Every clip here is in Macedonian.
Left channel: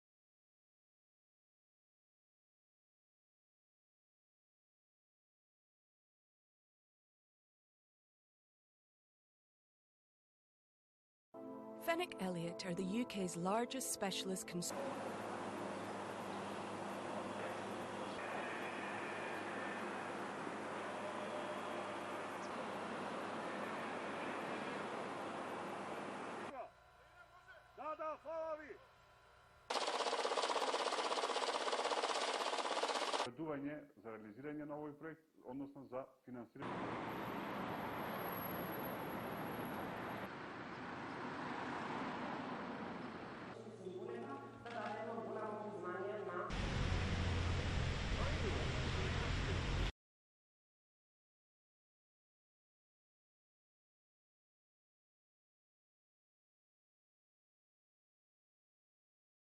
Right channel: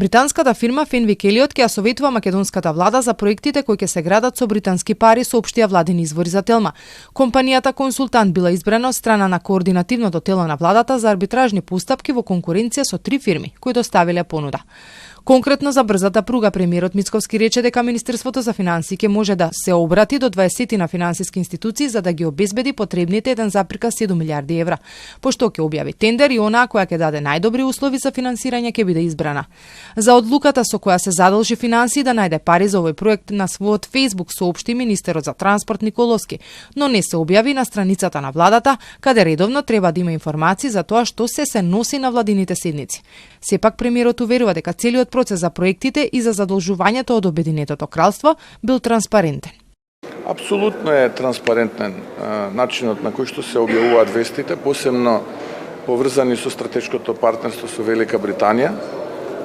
Британската фирма Фенвик Елиот ќе ја советува македонската влада за проектите кои ќе се градат со британски пари, соопштија владини извори за Телма. Компанијата консултант била избрана од страна на координативното тело на владата за арбитражни постапки во конкуренција со 3 фирми кои доставиле понуда. Конкретно за брзата пруга, премиерот Мицковски рече дека Министерството за финансии ќе може да се обрати до 20 на финансиски институции за да ги обезбеди потребните 1,7 милиарди евра. Пошто ќе објави тендер и онаа која ќе даде најдобри услови за финансирање ќе биде избрана. За одлуката со која се задолжи финансии да најде пари за овој проект на својот Facebook соопшти министерот за транспорт Николовски, но не се објави на страницата на владата, каде редовно треба да има информации за тоа што се носи на владините седници. Сепак премиерот уверува дека целиот процес за проектите и за задолжувањето од Обединетото кралство бил транспарентен. Апсолутно е транспарентен начинот на кој што се објавуваат вестите, посебно поврзани со стратешкото партнерство со Велика Британија.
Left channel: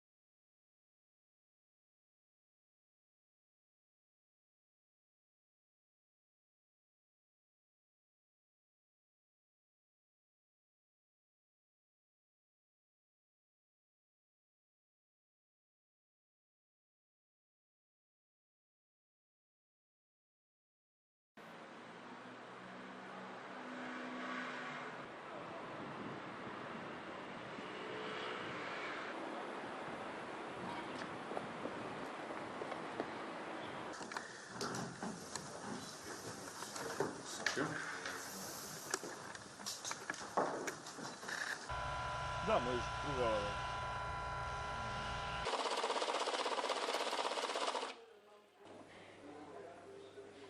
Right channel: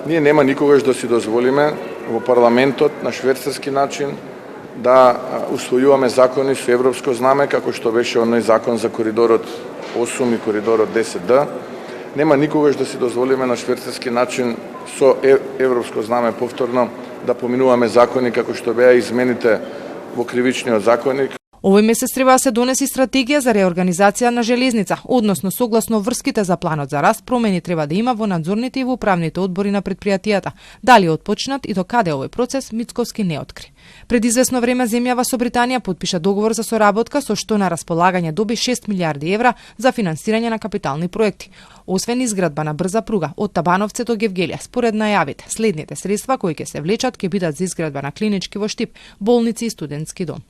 Ние нема никогаш да си дозволиме во парламентот на швейцарски начин да усвојуваме закони со европско знаме, како што беше оној закон за коридорот 8 и коридорот 10D. Нема никогаш да си дозволиме на швейцарски начин со европско знаме повторно да поминуваме закони како што беа измените во кривичниот законник. Овој месец треба да се донеси стратегија за реорганизација на железница, односно согласно врските за планот за раст, промени треба да има во надзорните и во управните одбори на предпријатијата. Дали отпочнат и до каде овој процес, Мицковски не откри. Пред известно време земјава со Британија подпиша договор за соработка со што на располагање доби 6 милиарди евра за финансирање на капитални проекти. Освен изградба на брза пруга од Табановце до Гевгелија, според најавите, следните средства кои ќе се влечат ќе бидат за изградба на клинички во Штип, болници и студентски дом.